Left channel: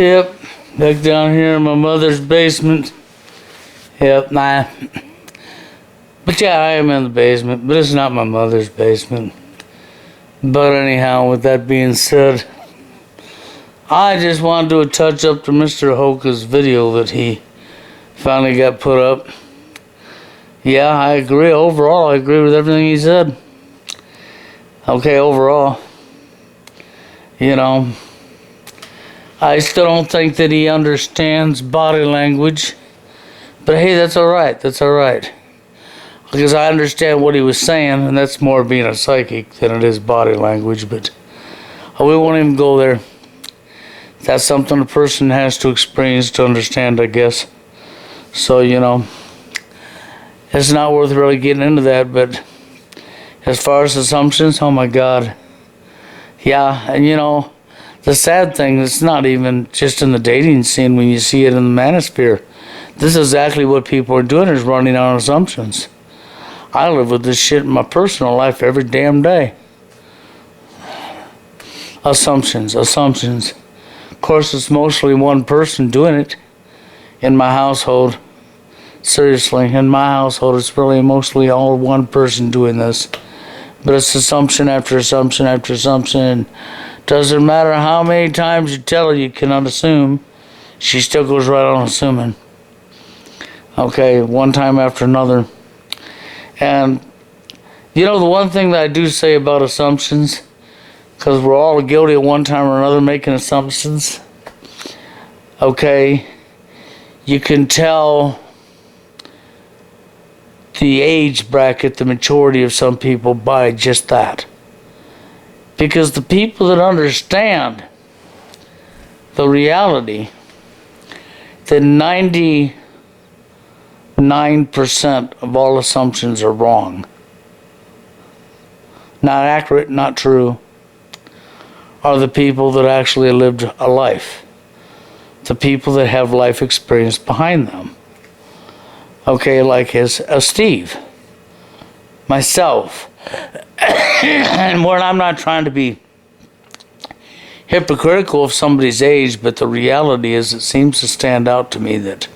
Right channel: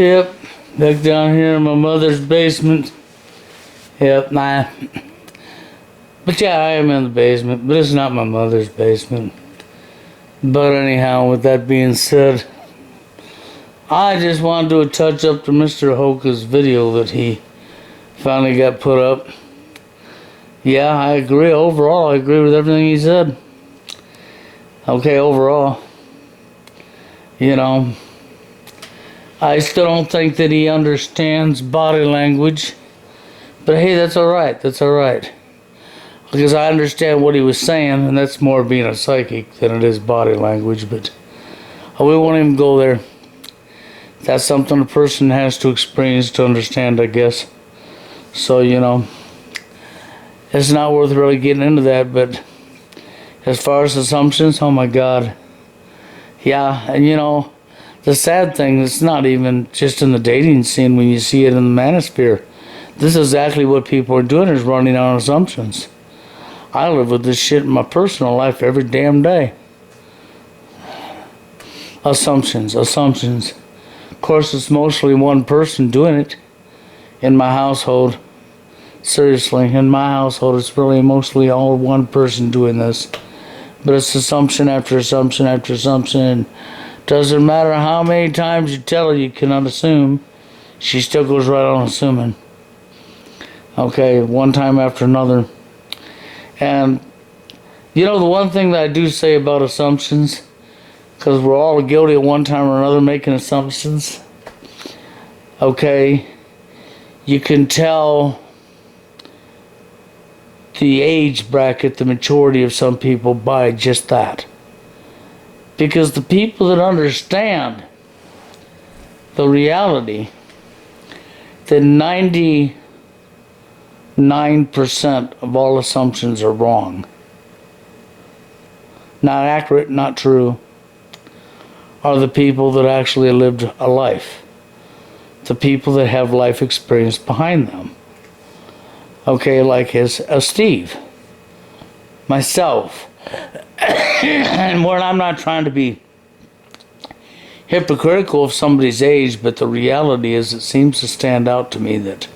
Yep, back down here in my mother's basement. Yep, nah. But yeah, I am in the basement, but it's not my mother's basement. But anyhow, with that being said, I just want to do a touch up to Mr. Hoka's video that he finally got put up. Yeah, I agree. Overall, I agree with everything he said. Okay, overall. You know, I still don't think that he understands body language. But hey, that's alright. That's alright. Because I understand what he was saying, and that's more being a psychic than it is body language. But we won't even go there. That's something a person has to experience to understand, I guess. So, you know, it's not worth really getting into that. But as far as assumptions, oh my God. Yeah, and you know, the sad thing, it's not even just in the dating scene when you see it in the manosphere. This is exactly what people are doing, is running on assumptions. I live with this shit in my personal life every damn day. Assumptions. Of course, it's mostly one person doing it in my household. Seriously, in my household, it's really mostly all one person doing this. But it's assumption after assumption after assumption. Doesn't matter how many times you tell her you cannot assume, she still goes right on assuming. Okay, one time after another. And, you know, the one thing that I do say about assumptions, because we're all guilty at one time or another making assumptions, okay, you can tell the age bracket, the maturity of some people by just that. Because the people that understand the reality that 99% of all assumptions are wrong, not accurate, not true, are the people that actually lived a life. The people that have life experience behind them. Okay, like Steve, myself, and where I'm not trying to be hypocritical of somebody's age, but the reality is it seems to stand out to me that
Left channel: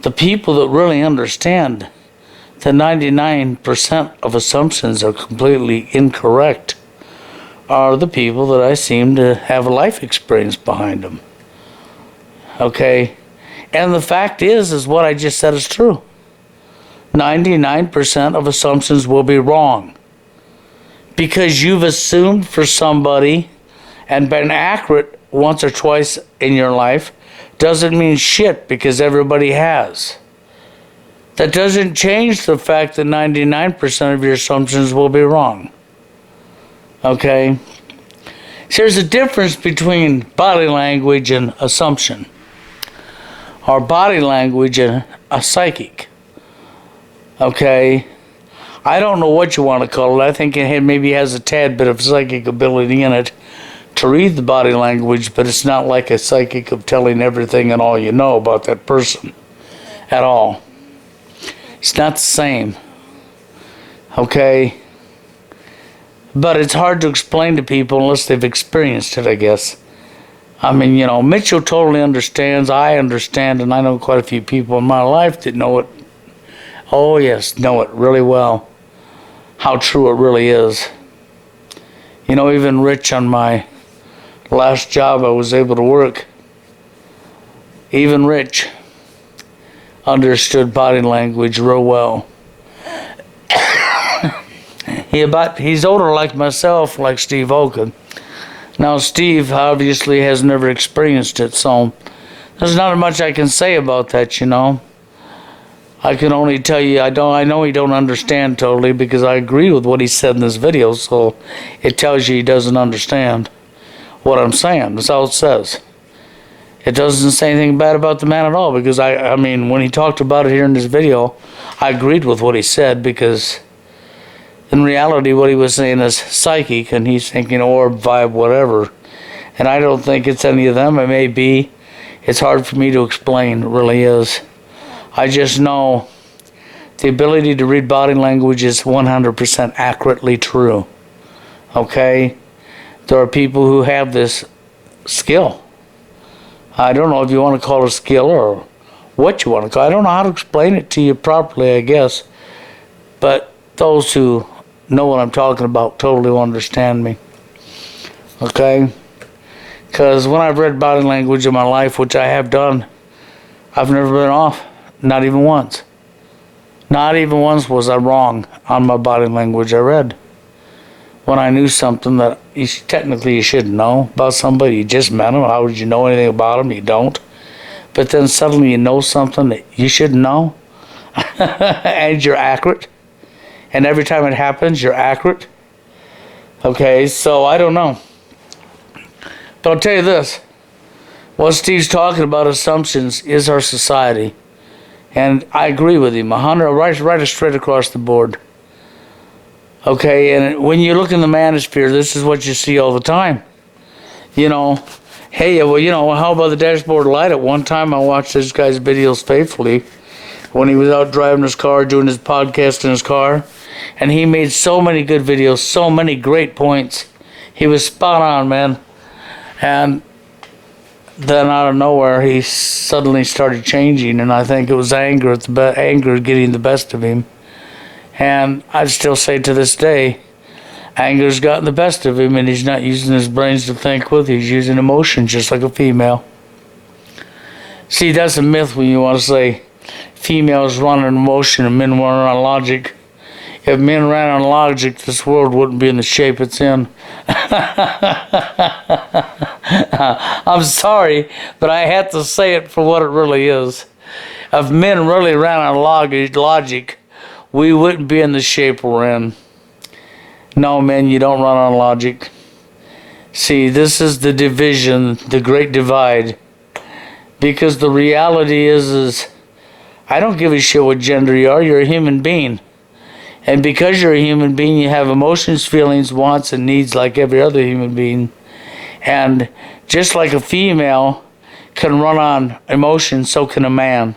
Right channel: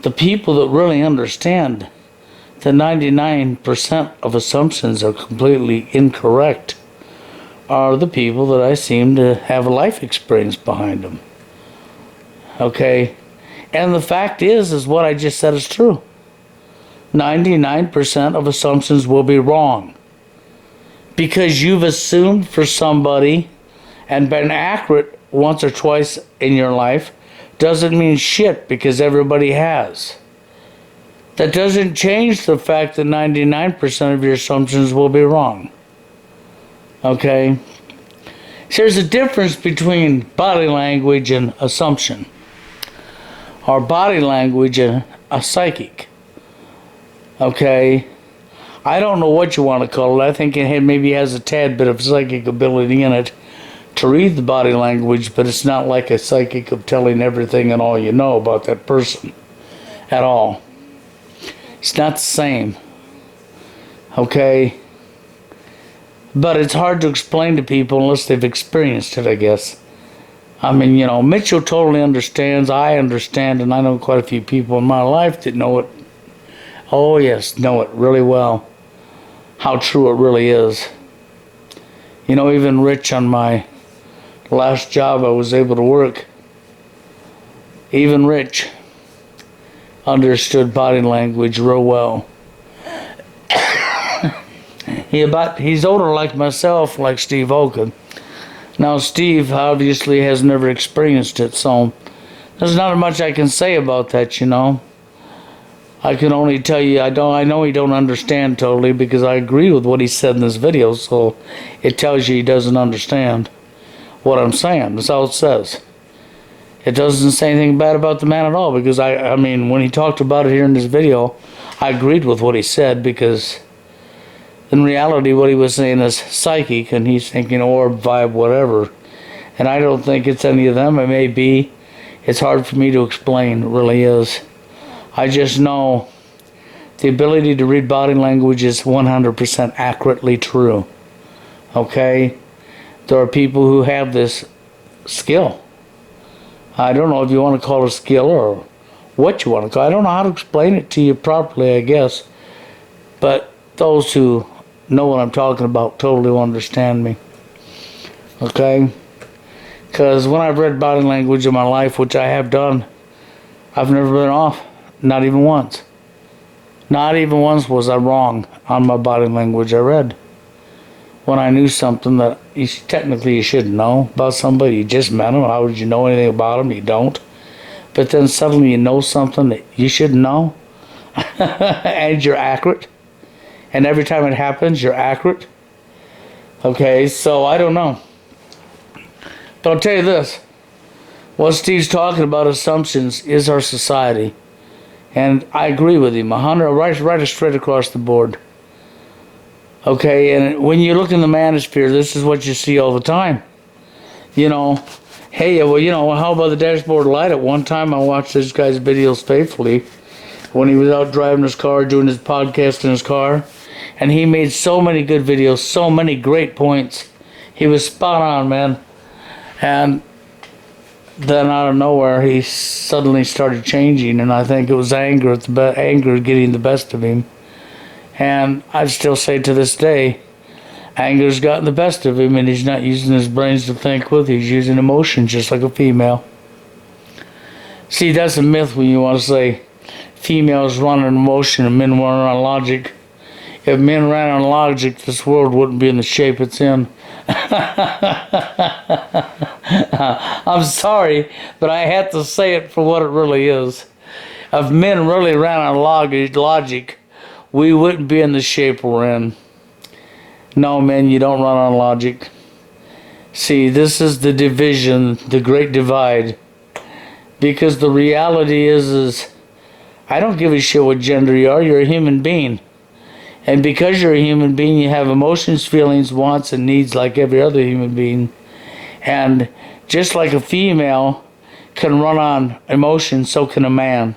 the people that really understand that 99% of assumptions are completely incorrect are the people that I seem to have a life experience behind them. Okay? And the fact is what I just said is true. 99% of assumptions will be wrong. Because you've assumed for somebody and been accurate once or twice in your life doesn't mean shit, because everybody has. That doesn't change the fact that 99% of your assumptions will be wrong. Okay? So there's a difference between body language and assumption. Or body language and a psychic. Okay? I don't know what you want to call it. I think it maybe has a tad bit of psychic ability in it to read the body language, but it's not like a psychic of telling everything and all you know about that person at all. It's not the same. Okay? But it's hard to explain to people unless they've experienced it, I guess. I mean, you know, Mitchell totally understands, I understand, and I know quite a few people in my life that know it. Oh yes, know it really well. How true it really is. You know, even Rich, on my last job I was able to work, even Rich understood body language real well. He's older like myself, like Steve Hoka. Now Steve obviously has never experienced it, so there's not much I can say about that, you know. I can only tell you I know he don't understand totally, because I agree with what he said in this video, so it tells you he doesn't understand what I'm saying. That's all it says. It doesn't say anything bad about the man at all, because I mean, when he talked about it here in this video, I agreed with what he said, because in reality what he was saying is psychic, and he's thinking orb, vibe, whatever. And I don't think it's any of them. It may be. It's hard for me to explain. It really is. I just know the ability to read body language is 100% accurately true. Okay? There are people who have this skill. I don't know if you want to call it a skill or what you want to call it. I don't know how to explain it to you properly, I guess. But those who know what I'm talking about totally will understand me. Okay? Because when I've read body language in my life, which I have done, I've never been off. Not even once. Not even once was I wrong on my body language I read. When I knew something that technically you shouldn't know about somebody, you just met them. How would you know anything about them? You don't. But then suddenly you know something that you shouldn't know, and you're accurate. And every time it happens, you're accurate. Okay, so I don't know. But I'll tell you this. What Steve's talking about, assumptions, is our society. And I agree with him, 100, right straight across the board. Okay, and when you look in the manosphere, this is what you see all the time. You know, hey, well, you know, how about the dashboard light? At one time, I watched this guy's videos faithfully when he was out driving his car, doing his podcast in his car. And he made so many good videos, so many great points. He was spot on, man. And then out of nowhere, he suddenly started changing, and I think it was anger getting the best of him. And I'd still say to this day, anger's gotten the best of him, and he's not using his brains to think with. He's using emotion, just like a female. See, that's a myth when you want to say females run on emotion and men run on logic. If men ran on logic, this world wouldn't be in the shape it's in. I'm sorry, but I had to say it for what it really is. If men really ran on logic, we wouldn't be in the shape we're in. No, men, you don't run on logic. See, this is the division, the great divide. Because the reality is I don't give a shit what gender you are. You're a human being. And because you're a human being, you have emotions, feelings, wants, and needs like every other human being. And just like a female can run on emotion, so can a man.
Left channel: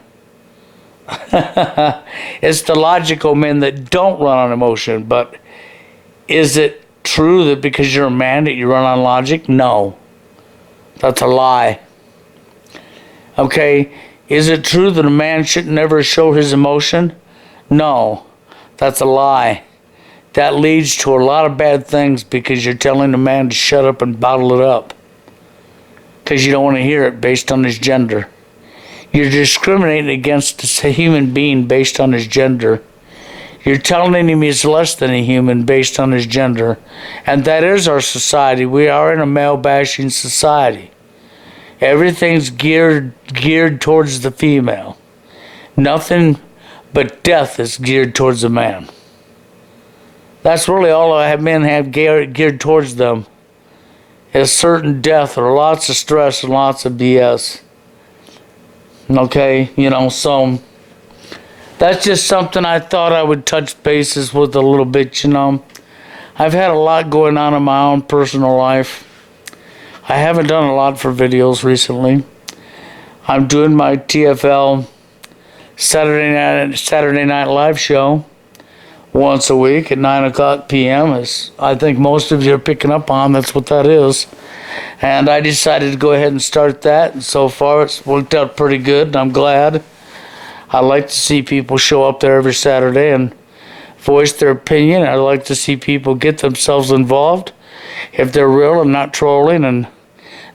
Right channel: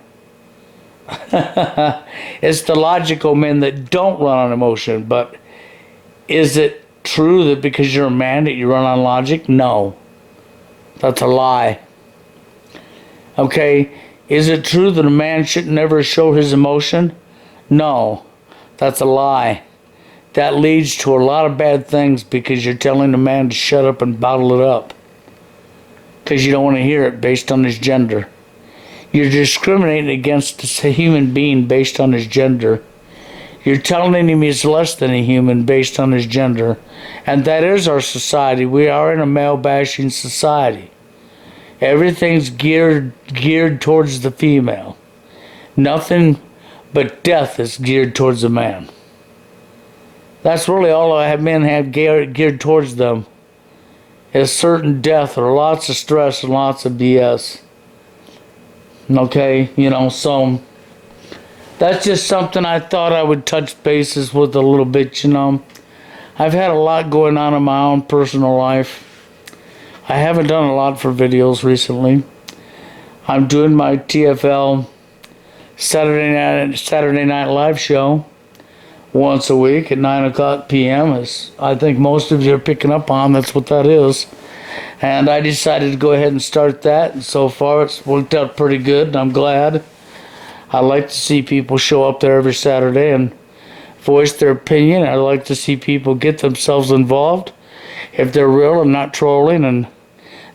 It's the logical men that don't run on emotion. But is it true that because you're a man that you run on logic? No. That's a lie. Okay, is it true that a man should never show his emotion? No. That's a lie. That leads to a lot of bad things because you're telling a man to shut up and bottle it up. Because you don't want to hear it based on his gender. You're discriminating against a human being based on his gender. You're telling him he's less than a human based on his gender. And that is our society. We are in a male-bashing society. Everything's geared towards the female. Nothing but death is geared towards a man. That's really all men have geared towards them. Is certain death or lots of stress and lots of BS. Okay, so that's just something I thought I would touch bases with a little bit, I've had a lot going on in my own personal life. I haven't done a lot for videos recently. I'm doing my TFL Saturday Night Live show once a week at 9 o'clock p.m. As I think most of you are picking up on, that's what that is. And I decided to go ahead and start that, and so far it's worked out pretty good, and I'm glad. I like to see people show up there every Saturday and voice their opinion. I like to see people get themselves involved. If they're real and not trolling and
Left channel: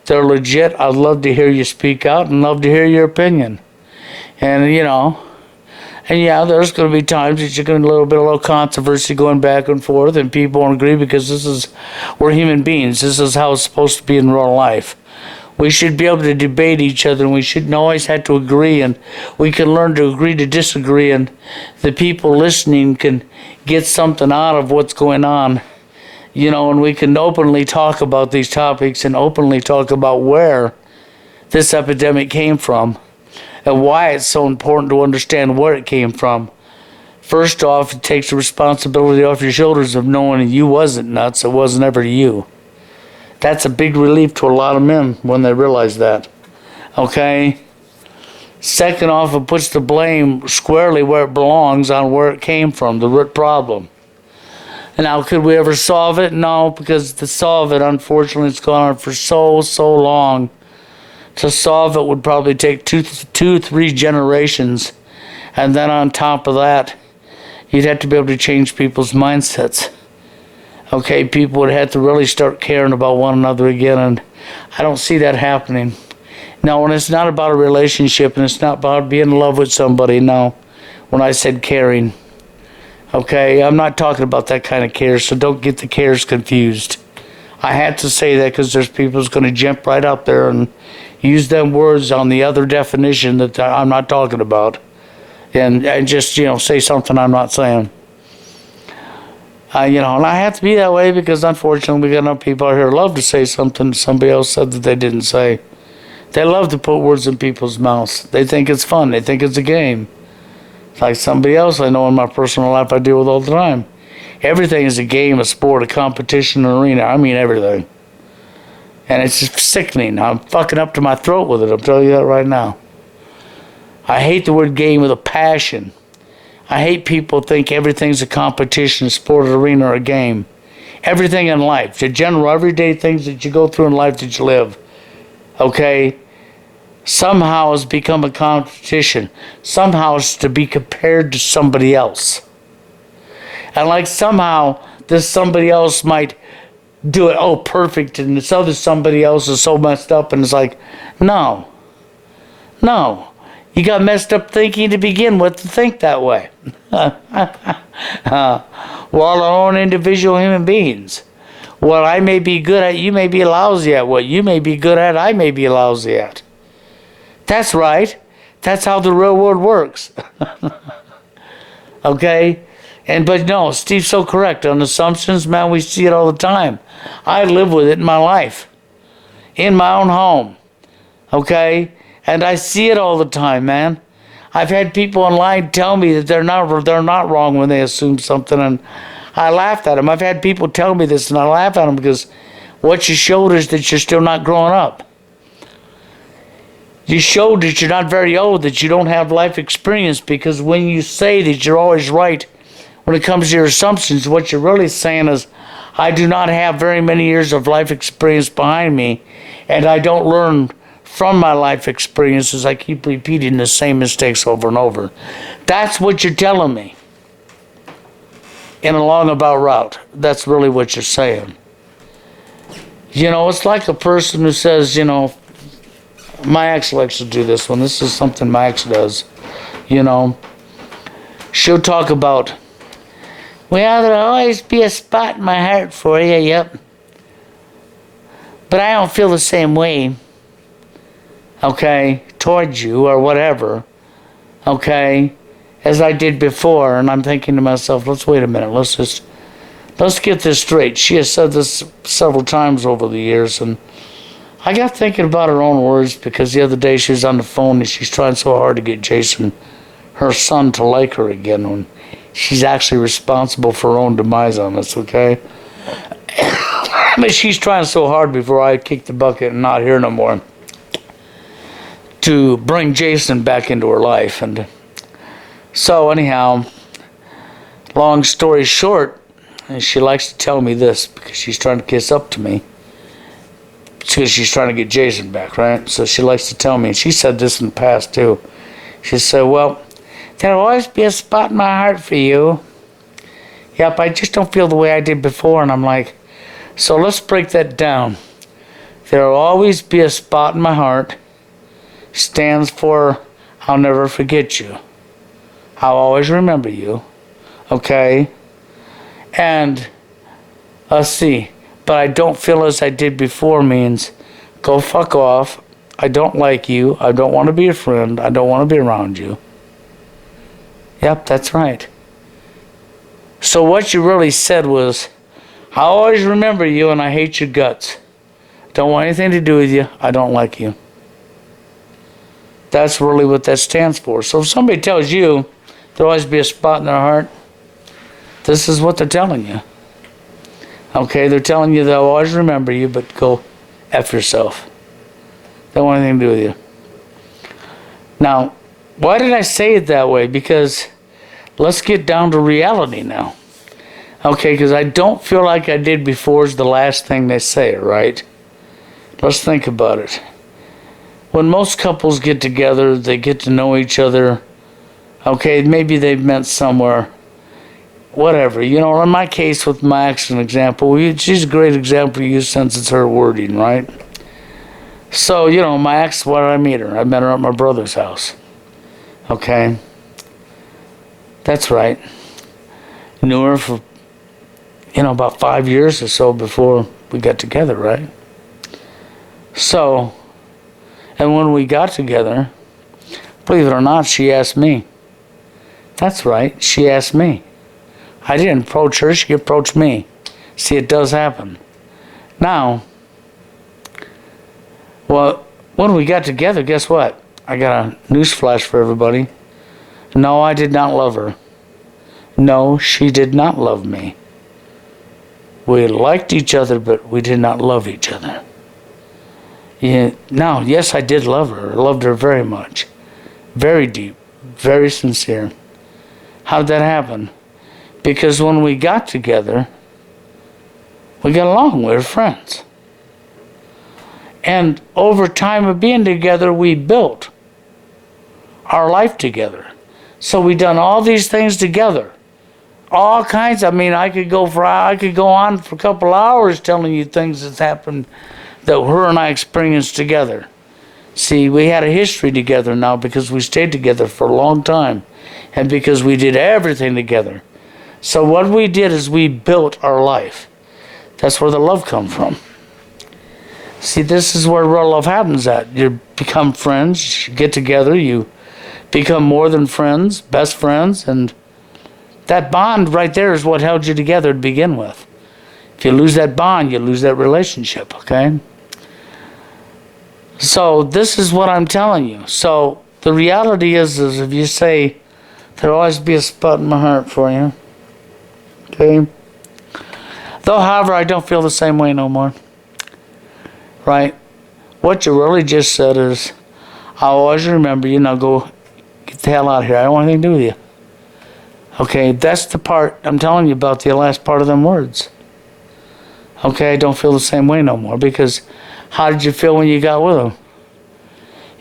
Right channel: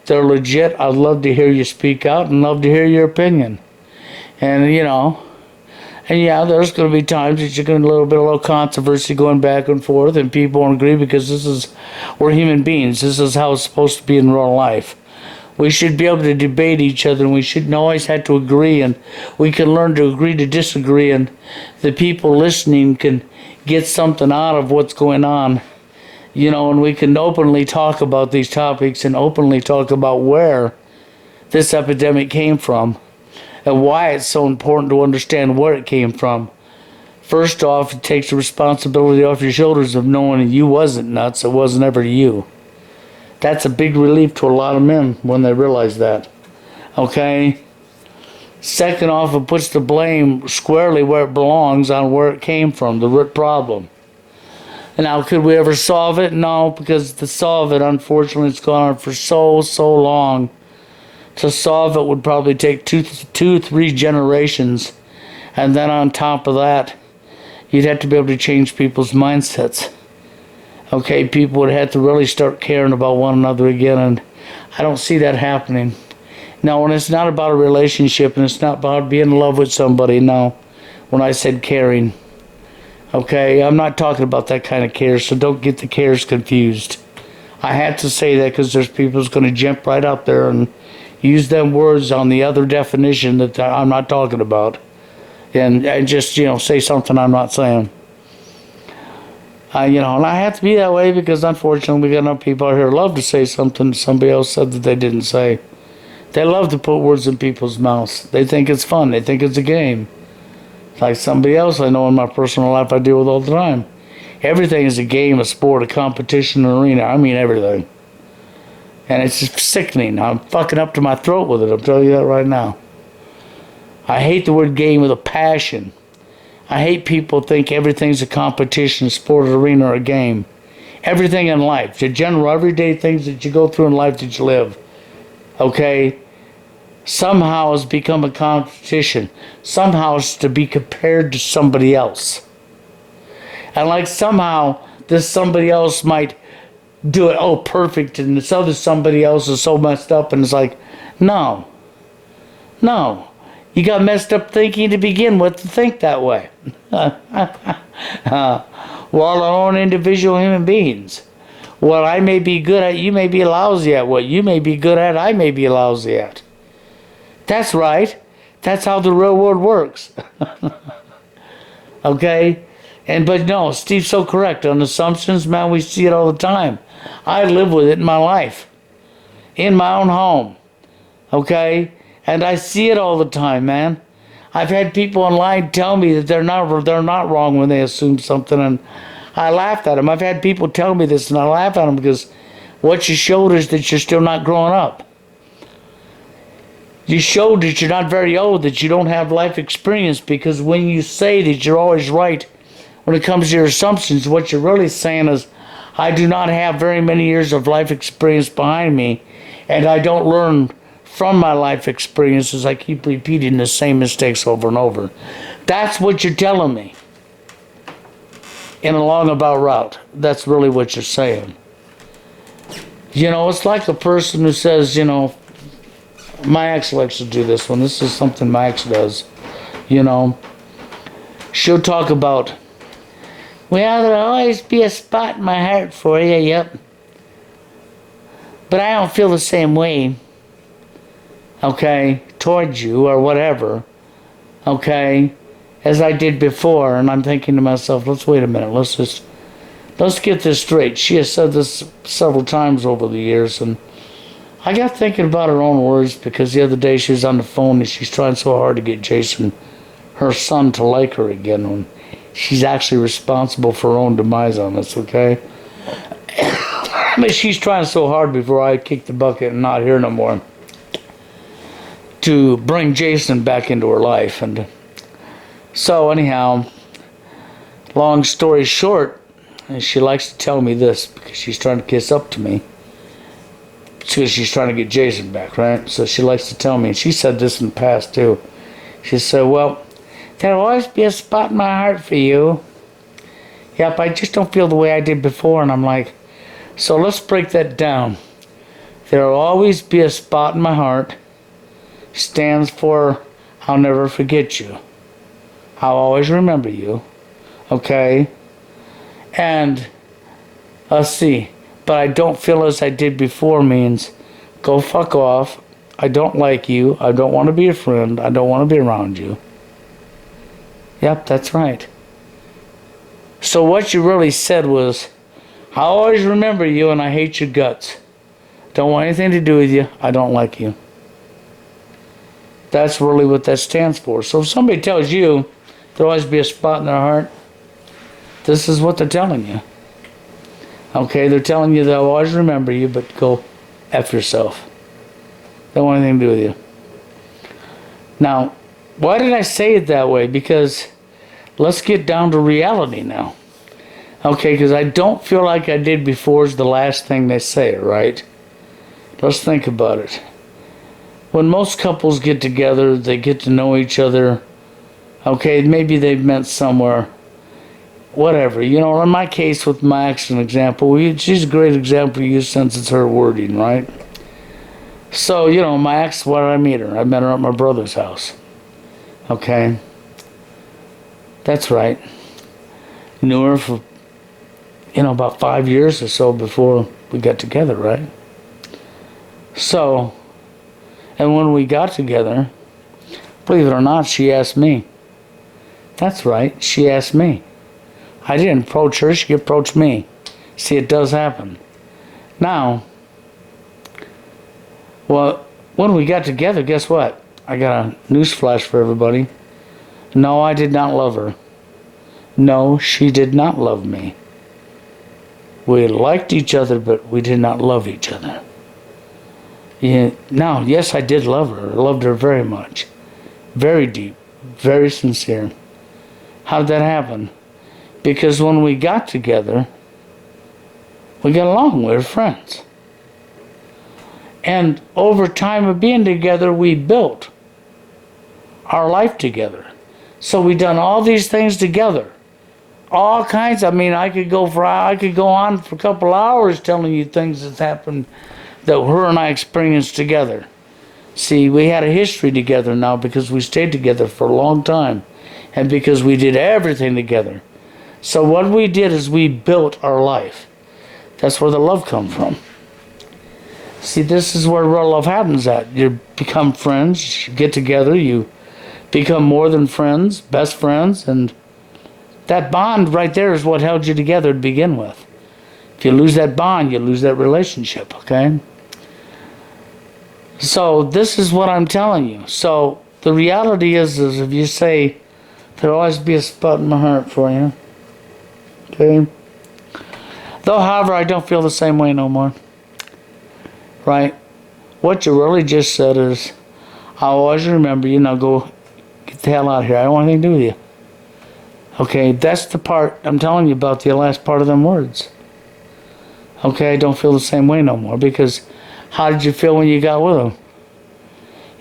they're legit, I'd love to hear you speak out and love to hear your opinion. And yeah, there's going to be times that you're going to a little controversy going back and forth, and people won't agree because we're human beings. This is how it's supposed to be in real life. We should be able to debate each other, and we shouldn't always have to agree, and we can learn to agree to disagree, and the people listening can get something out of what's going on, and we can openly talk about these topics and openly talk about where this epidemic came from. And why it's so important to understand where it came from. First off, it takes the responsibility off your shoulders of knowing you wasn't nuts. It wasn't ever you. That's a big relief to a lot of men when they realize that. Okay? Second off, it puts the blame squarely where it belongs on where it came from, the root problem. And now, could we ever solve it? No, because to solve it, unfortunately, it's gone on for so long. To solve it would probably take two, 3 generations. And then on top of that, you'd have to be able to change people's mindsets. Okay, people would have to really start caring about one another again, and I don't see that happening. No, and it's not about a relationship, and it's not about being in love with somebody, no. When I said caring. Okay, I'm not talking about that kind of care, so don't get the cares confused. I had to say that because there's people who's going to jump right up there and use them words on the other definition that I'm not talking about. And just, say something I'm not saying. And I have to be that way because unfortunately we got enough people out here who love to say something somebody else said that they didn't say. They love to put words in people's mouths. They think it's fun. They think it's a game. Like somebody else I know in my personal life I deal with all the time. Everything is a game, a sport, a competition, an arena. I mean everything. And it's just sickening. I'm fucking up to my throat with it. I'm telling you that right now. I hate the word game with a passion. I hate people think everything's a competition, a sport, an arena, or a game. Everything in life, the general everyday things that you go through in life that you live, okay, somehow has become a competition. Somehow it's to be compared to somebody else. And like somehow this somebody else might do it, perfect, and this other somebody else is so messed up, and it's like, no. You got messed up thinking to begin with to think that way. We're all our own individual human beings. What I may be good at, you may be lousy at. What you may be good at, I may be lousy at. That's right. That's how the real world works. Okay? But no, Steve's so correct. On assumptions, man, we see it all the time. I live with it in my life. In my own home. Okay? And I see it all the time, man. I've had people online tell me that they're not wrong when they assume something, and I laughed at them. I've had people tell me this, and I laugh at them because what you showed is that you're still not growing up. You showed that you're not very old, that you don't have life experience, because when you say that you're always right when it comes to your assumptions, what you're really saying is, I do not have very many years of life experience behind me, and I don't learn from my life experiences. I keep repeating the same mistakes over and over. That's what you're telling me. In a long about route. That's really what you're saying. It's like a person who says, my ex likes to do this one. This is something my ex does. She'll talk about, well, there'll always be a spot in my heart for you, yep. But I don't feel the same way. Okay, towards you or whatever, okay, as I did before. And I'm thinking to myself, let's wait a minute, let's get this straight. She has said this several times over the years, and I got thinking about her own words, because the other day she was on the phone and she's trying so hard to get Jason, her son, to like her again, when she's actually responsible for her own demise on this, okay? She's trying so hard before I kick the bucket and not here no more, to bring Jason back into her life. And so anyhow, long story short, she likes to tell me this because she's trying to kiss up to me, because she's trying to get Jason back, right? So she likes to tell me, and she said this in the past too. She said, well, there'll always be a spot in my heart for you. Yep, I just don't feel the way I did before. And I'm like, so let's break that down. There'll always be a spot in my heart stands for, I'll never forget you. I'll always remember you. Okay? And, let's see, but I don't feel as I did before means, go fuck off. I don't like you. I don't want to be a friend. I don't want to be around you. Yep, that's right. So what you really said was, I always remember you and I hate your guts. Don't want anything to do with you. I don't like you. That's really what that stands for. So if somebody tells you there'll always be a spot in their heart, this is what they're telling you. Okay, they're telling you they'll always remember you, but go F yourself. Don't want anything to do with you. Now, why did I say it that way? Because let's get down to reality now. Okay, because I don't feel like I did before is the last thing they say, right? Let's think about it. when most couples get together, they get to know each other. Okay, maybe they've met somewhere. Whatever. You know, in my case with my ex, an example, she's a great example to use since it's her wording, right? So, you know, my ex, where did I meet her? I met her at my brother's house. Okay? That's right. Knew her for, about 5 years or so before we got together, right? So, and when we got together, believe it or not, she asked me. That's right, she asked me. I didn't approach her, she approached me. See, it does happen. Now, well, when we got together, guess what? I got a news flash for everybody. No, I did not love her. No, she did not love me. We liked each other, but we did not love each other. Yeah, now, yes, I did love her. I loved her very much. Very deep. Very sincere. How did that happen? Because when we got together, we got along. We were friends. And over time of being together, we built our life together. So we done all these things together. All kinds. I mean, I could go on for a couple hours telling you things that happened that her and I experienced together. See, we had a history together now because we stayed together for a long time and because we did everything together. So what we did is we built our life. That's where the love comes from. See, this is where real love happens at. You become friends, you get together, you become more than friends, best friends, and that bond right there is what held you together to begin with. If you lose that bond, you lose that relationship, okay? So this is what I'm telling you. So the reality is if you say, there'll always be a spot in my heart for you, okay? Though, however, I don't feel the same way no more, right? What you really just said is, I'll always remember you, now go get the hell out of here. I don't want anything to do with you. Okay, that's the part I'm telling you about, the last part of them words. Okay, I don't feel the same way no more, because how did you feel when you got with him?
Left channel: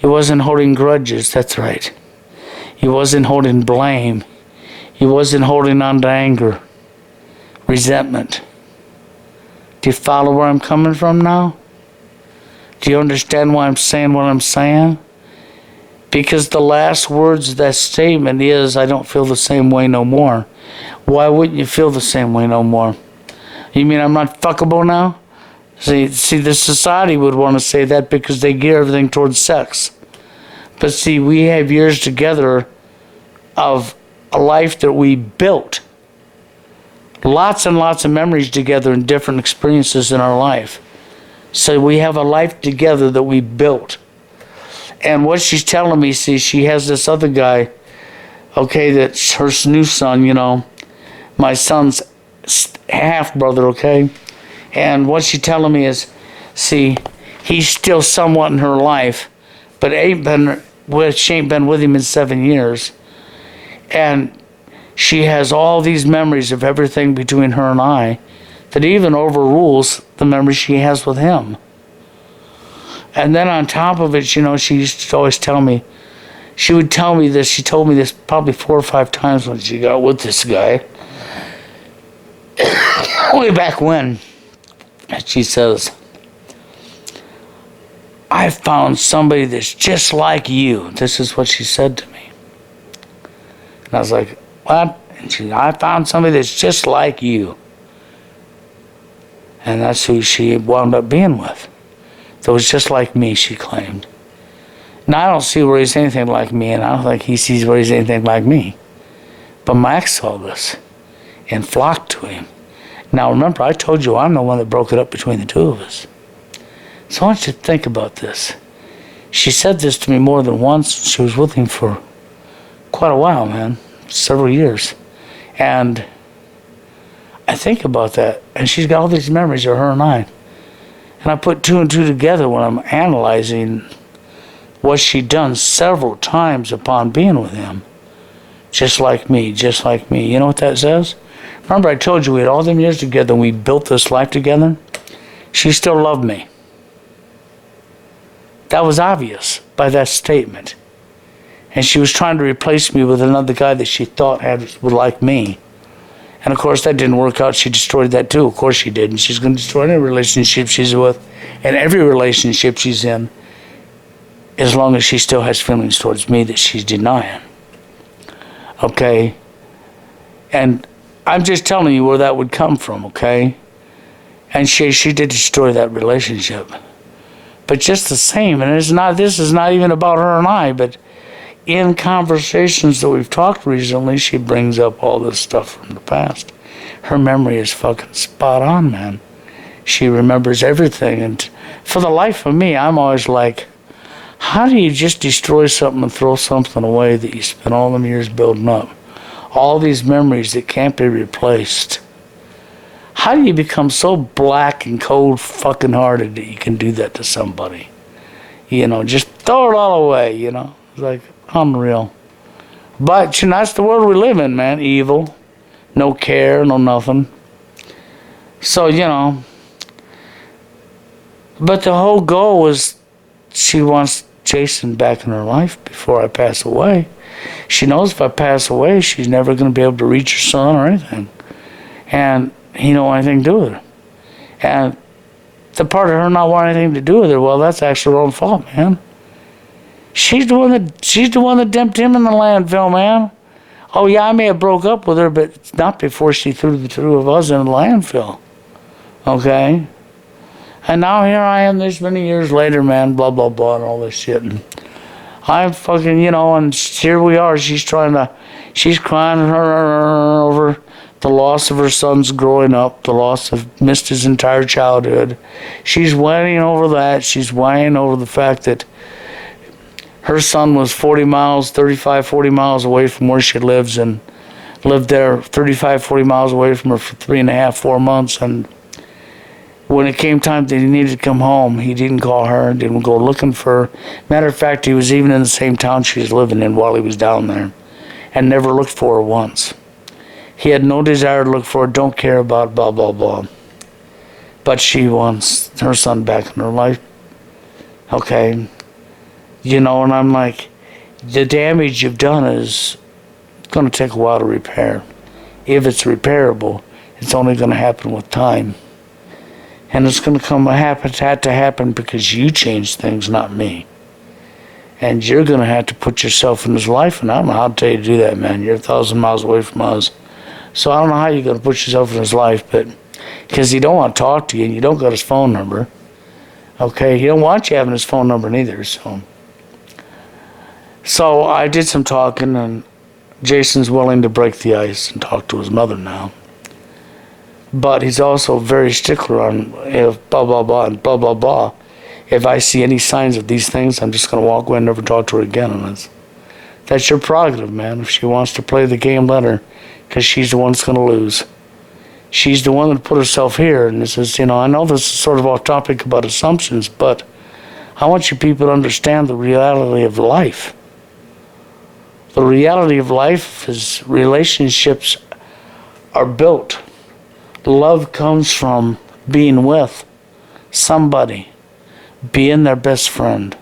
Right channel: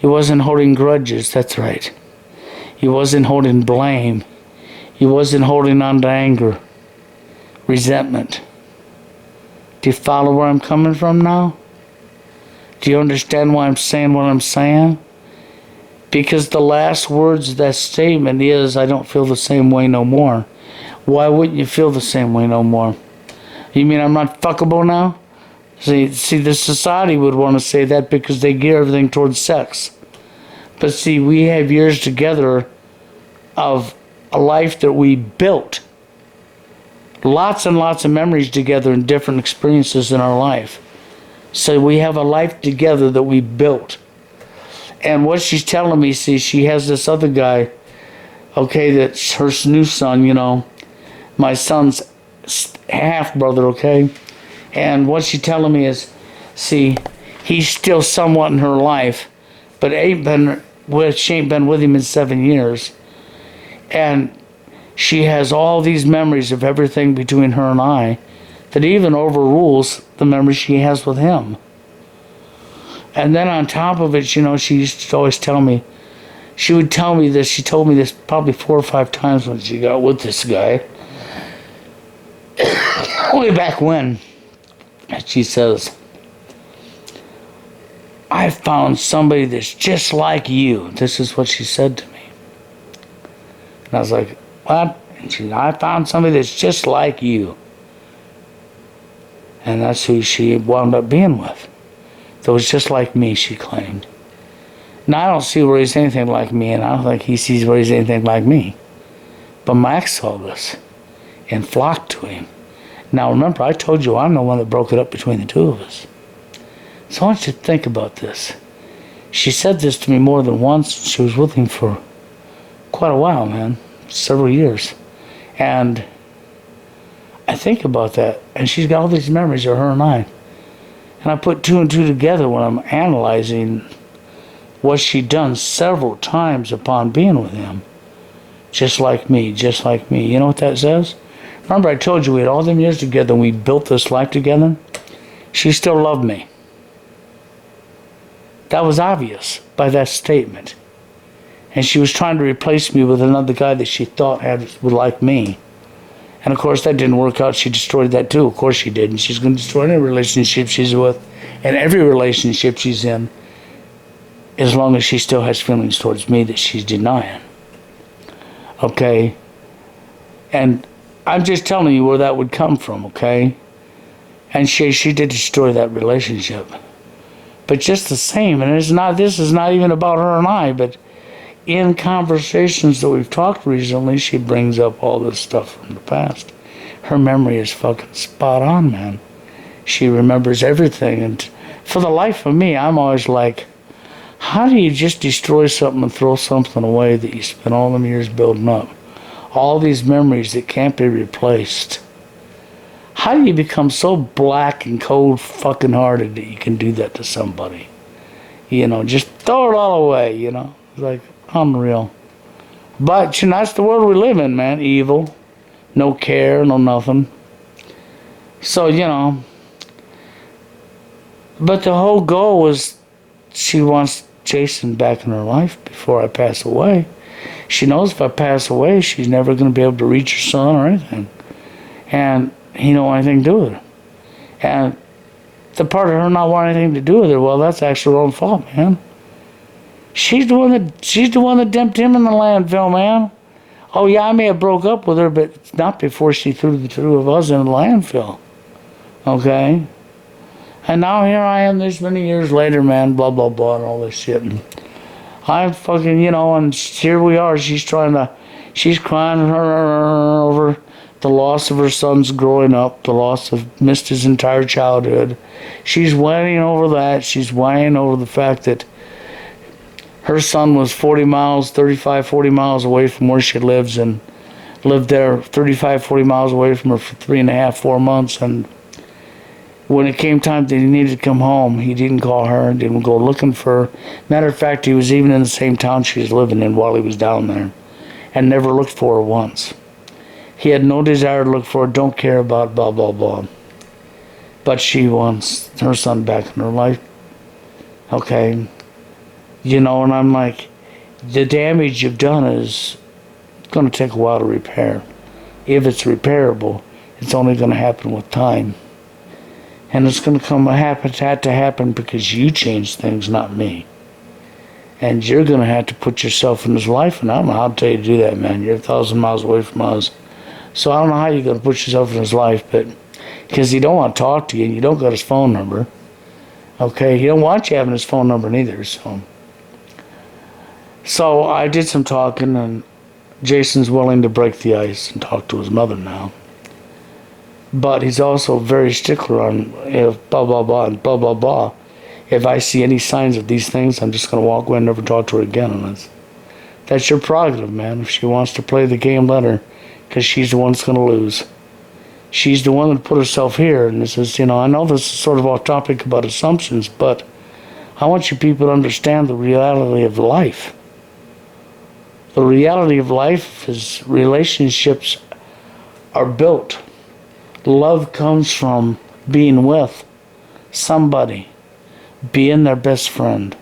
You wasn't holding grudges, that's right. You wasn't holding blame. You wasn't holding on to anger, resentment. Do you follow where I'm coming from now? Do you understand why I'm saying what I'm saying? Because the last words of that statement is, I don't feel the same way no more. Why wouldn't you feel the same way no more? You mean I'm not fuckable now? See, the society would want to say that because they gear everything towards sex. But see, we have years together of a life that we built. Lots and lots of memories together and different experiences in our life. So we have a life together that we built. And what she's telling me, see, she has this other guy, okay, that's her new son, my son's half-brother, okay? And what she's telling me is, see, he's still somewhat in her life, but she ain't been with him in 7 years. And she has all these memories of everything between her and I that even overrules the memories she has with him. And then on top of it, she used to always tell me, she would tell me this, she told me this probably 4 or 5 times when she got with this guy. Way back when. And she says, I found somebody that's just like you. This is what she said to me. And I was like, what? And she said, I found somebody that's just like you. And that's who she wound up being with. That was just like me, she claimed. Now, I don't see where he's anything like me, and I don't think he sees where he's anything like me. But my ex saw this and flocked to him. Now, remember, I told you I'm the one that broke it up between the two of us. So I want you to think about this. She said this to me more than once. She was with him for quite a while, man. Several years. And I think about that, and she's got all these memories of her and I. And I put 2 and 2 together when I'm analyzing what she'd done several times upon being with him. Just like me, just like me. You know what that says? Remember I told you we had all them years together and we built this life together? She still loved me. That was obvious by that statement. And she was trying to replace me with another guy that she thought would like me. And of course that didn't work out. She destroyed that too. Of course she did. And she's going to destroy any relationship she's with and every relationship she's in, as long as she still has feelings towards me that she's denying. Okay? And I'm just telling you where that would come from, okay? And she did destroy that relationship. But just the same, and this is not even about her and I, but in conversations that we've talked recently, she brings up all this stuff from the past. Her memory is fucking spot on, man. She remembers everything. And for the life of me, I'm always like, how do you just destroy something and throw something away that you spent all them years building up? All these memories that can't be replaced. How do you become so black and cold fucking hearted that you can do that to somebody? You know, just throw it all away, you know? It's like, unreal. But, you know, that's the world we live in, man. Evil. No care, no nothing. So, you know. But the whole goal was she wants Jason back in her life before I pass away. She knows if I pass away, she's never going to be able to reach her son or anything. And he don't want anything to do with her. And the part of her not wanting anything to do with her, well, that's actually her own fault, man. She's the one that dumped him in the landfill, man. Oh yeah, I may have broke up with her, but not before she threw the two of us in the landfill. Okay? And now here I am this many years later, man, blah, blah, blah, and all this shit. And I'm fucking, you know, and here we are. She's crying over the loss of her sons growing up, the loss of missed his entire childhood. She's whining over that. She's whining over the fact that her son was 40 miles away from where she lives, and lived there 35, 40 miles away from her for 3.5, 4 months. And when it came time that he needed to come home, he didn't call her, didn't go looking for her. Matter of fact, he was even in the same town she was living in while he was down there, and never looked for her once. He had no desire to look for her, don't care about blah, blah, blah. But she wants her son back in her life. Okay. You know, and I'm like, the damage you've done is going to take a while to repair. If it's repairable, it's only going to happen with time. And it's going to had to happen because you changed things, not me. And you're going to have to put yourself in his life, and I don't know how to tell you to do that, man. You're 1,000 miles away from us. So I don't know how you're going to put yourself in his life, but because he don't want to talk to you, and you don't got his phone number. Okay, he don't want you having his phone number neither, So I did some talking, and Jason's willing to break the ice and talk to his mother now. But he's also very stickler on if blah, blah, blah, and blah, blah, blah. If I see any signs of these things, I'm just going to walk away and never talk to her again. And that's your prerogative, man. If she wants to play the game, let her, because she's the one that's going to lose. She's the one that put herself here. And this is, you know, I know this is sort of off topic about assumptions, but I want you people to understand the reality of life. The reality of life is relationships are built. Love comes from being with somebody, being their best friend.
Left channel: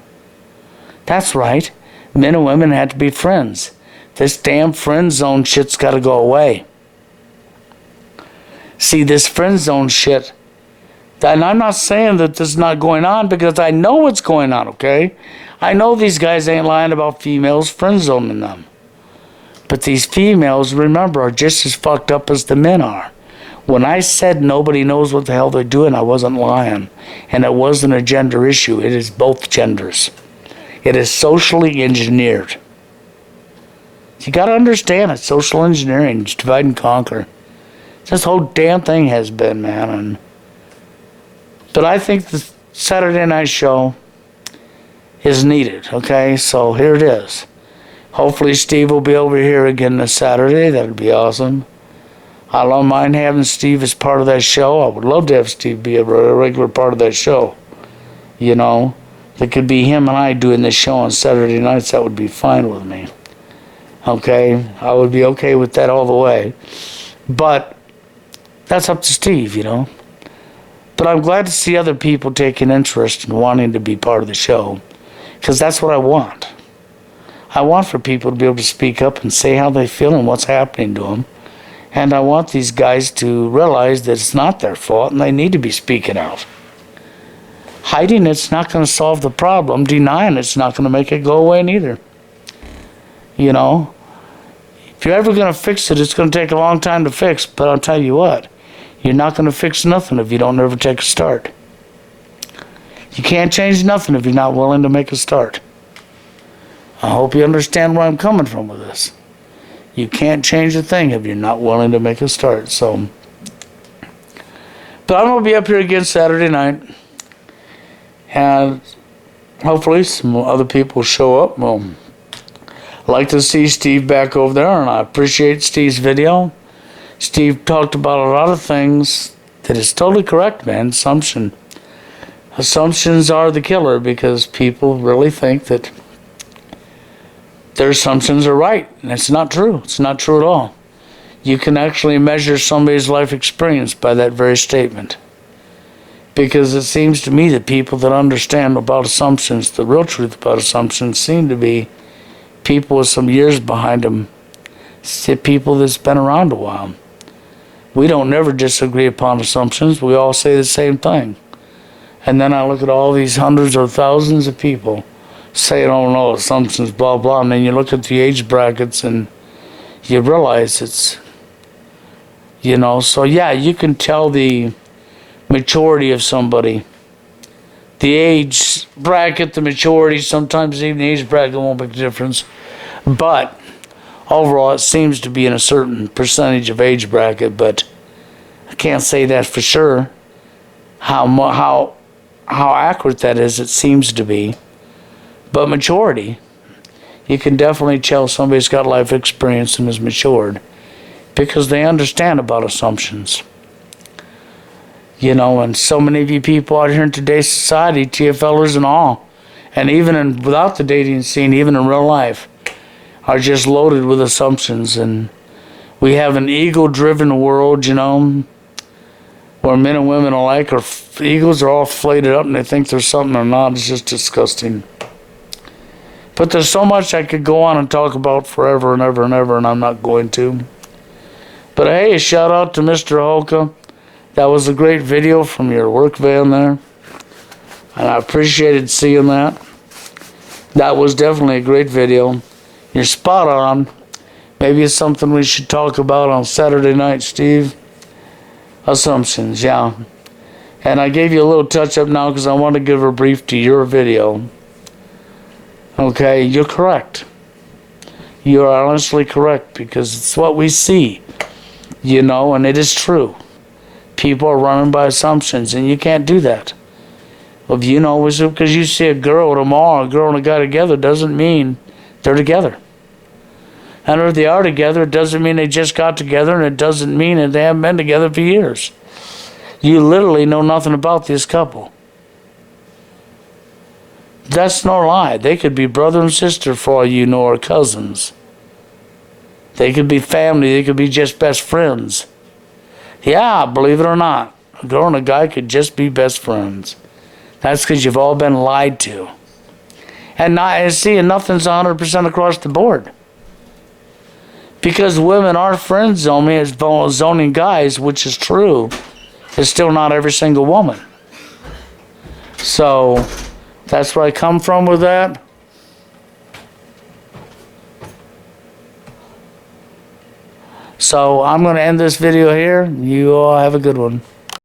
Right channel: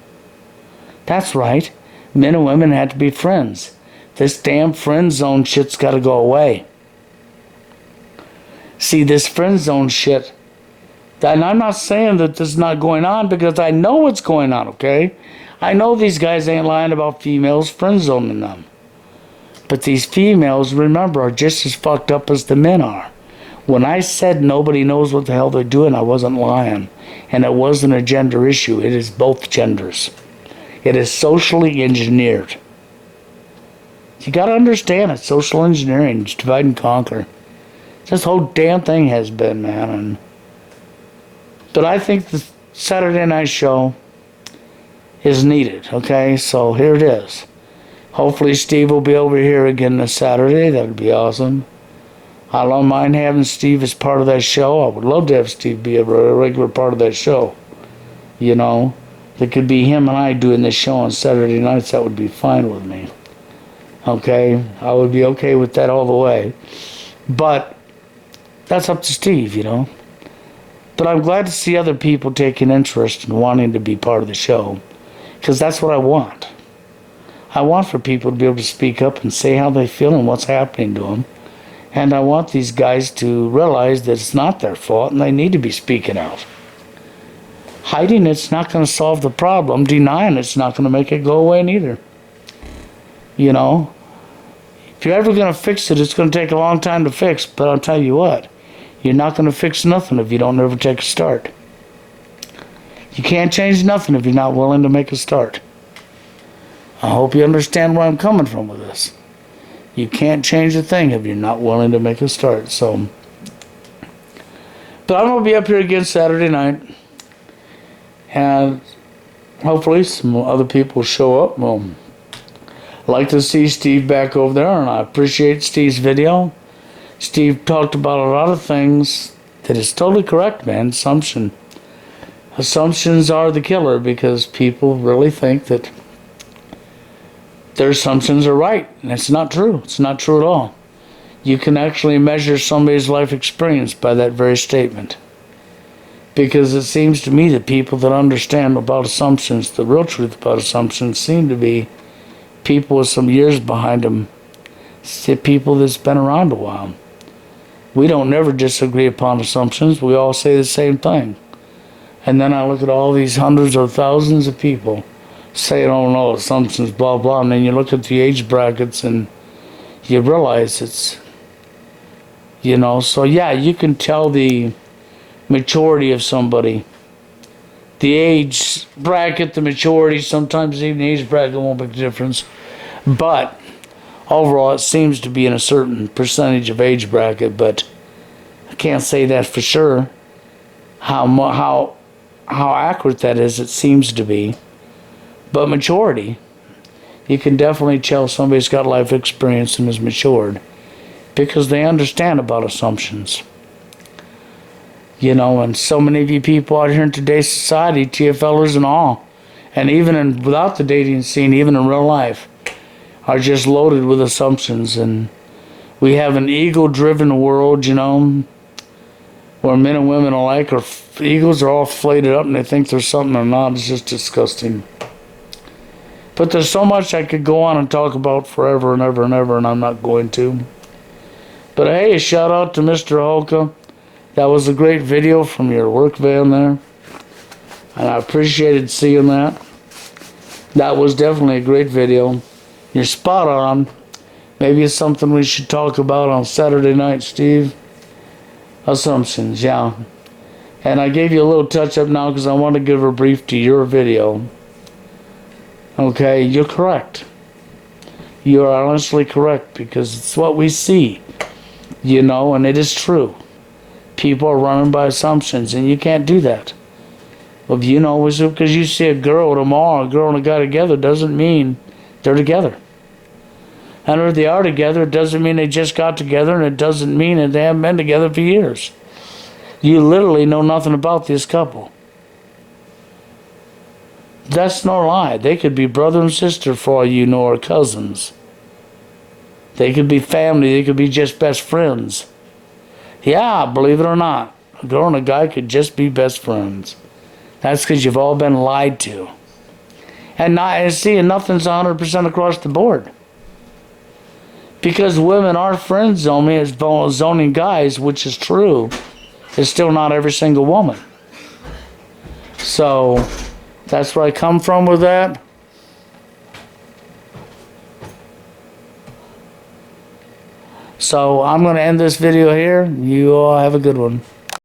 That's right. Men and women have to be friends. This damn friend zone shit's got to go away. See, this friend zone shit, and I'm not saying that this is not going on because I know what's going on, okay? I know these guys ain't lying about females friend zoning them. But these females, remember, are just as fucked up as the men are. When I said nobody knows what the hell they're doing, I wasn't lying. And it wasn't a gender issue. It is both genders. It is socially engineered. You got to understand it. Social engineering. It's divide and conquer. This whole damn thing has been, man. But I think the Saturday night show is needed, okay? So here it is. Hopefully Steve will be over here again this Saturday. That'd be awesome. I don't mind having Steve as part of that show. I would love to have Steve be a regular part of that show. You know, it could be him and I doing this show on Saturday nights. That would be fine with me. Okay? I would be okay with that all the way. But that's up to Steve, you know. But I'm glad to see other people taking interest and wanting to be part of the show. Because that's what I want. I want for people to be able to speak up and say how they feel and what's happening to them. And I want these guys to realize that it's not their fault and they need to be speaking out. Hiding it's not going to solve the problem. Denying it's not going to make it go away neither. You know, if you're ever going to fix it, it's going to take a long time to fix. But I'll tell you what, you're not going to fix nothing if you don't ever take a start. You can't change nothing if you're not willing to make a start. I hope you understand where I'm coming from with this. You can't change a thing if you're not willing to make a start. So, but I'm going to be up here again Saturday night. And hopefully some other people show up. Well, I'd like to see Steve back over there, and I appreciate Steve's video. Steve talked about a lot of things that is totally correct, man. Assumptions are the killer because people really think that their assumptions are right, and it's not true. It's not true at all. You can actually measure somebody's life experience by that very statement. Because it seems to me that people that understand about assumptions, the real truth about assumptions, seem to be people with some years behind them, people that's been around a while. We don't never disagree upon assumptions. We all say the same thing. And then I look at all these hundreds or thousands of people saying, oh no, assumptions, blah, blah. And then you look at the age brackets and you realize it's, you know, so yeah, you can tell the maturity of somebody. The age bracket, the maturity, sometimes even the age bracket won't make a difference. But overall, it seems to be in a certain percentage of age bracket, but I can't say that for sure. How accurate that is, it seems to be. But maturity, you can definitely tell somebody's got life experience and is matured because they understand about assumptions. You know, and so many of you people out here in today's society, TFLers and all, and even without the dating scene, even in real life, are just loaded with assumptions. And we have an ego-driven world, you know, where men and women alike are egos are all flated up and they think there's something they're not. It's just disgusting. But there's so much I could go on and talk about forever and ever and ever, and I'm not going to. But hey, a shout out to Mr. Holka. That was a great video from your work van there. And I appreciated seeing that. That was definitely a great video. You're spot on. Maybe it's something we should talk about on Saturday night, Steve. Assumptions, yeah. And I gave you a little touch-up now because I want to give a brief to your video. Okay, you're correct. You are honestly correct because it's what we see, you know, and it is true. People are running by assumptions, and you can't do that. Well, you know, because you see a girl tomorrow, a girl and a guy together, doesn't mean they're together. And if they are together, it doesn't mean they just got together, and it doesn't mean that they haven't been together for years. You literally know nothing about this couple. That's no lie. They could be brother and sister for all you know, or cousins. They could be family. They could be just best friends. Yeah, believe it or not, a girl and a guy could just be best friends. That's because you've all been lied to. And nothing's 100% across the board. Because women are friend zoning as zoning guys, which is true, it's still not every single woman. So that's where I come from with that. So I'm going to end this video here. You all have a good one.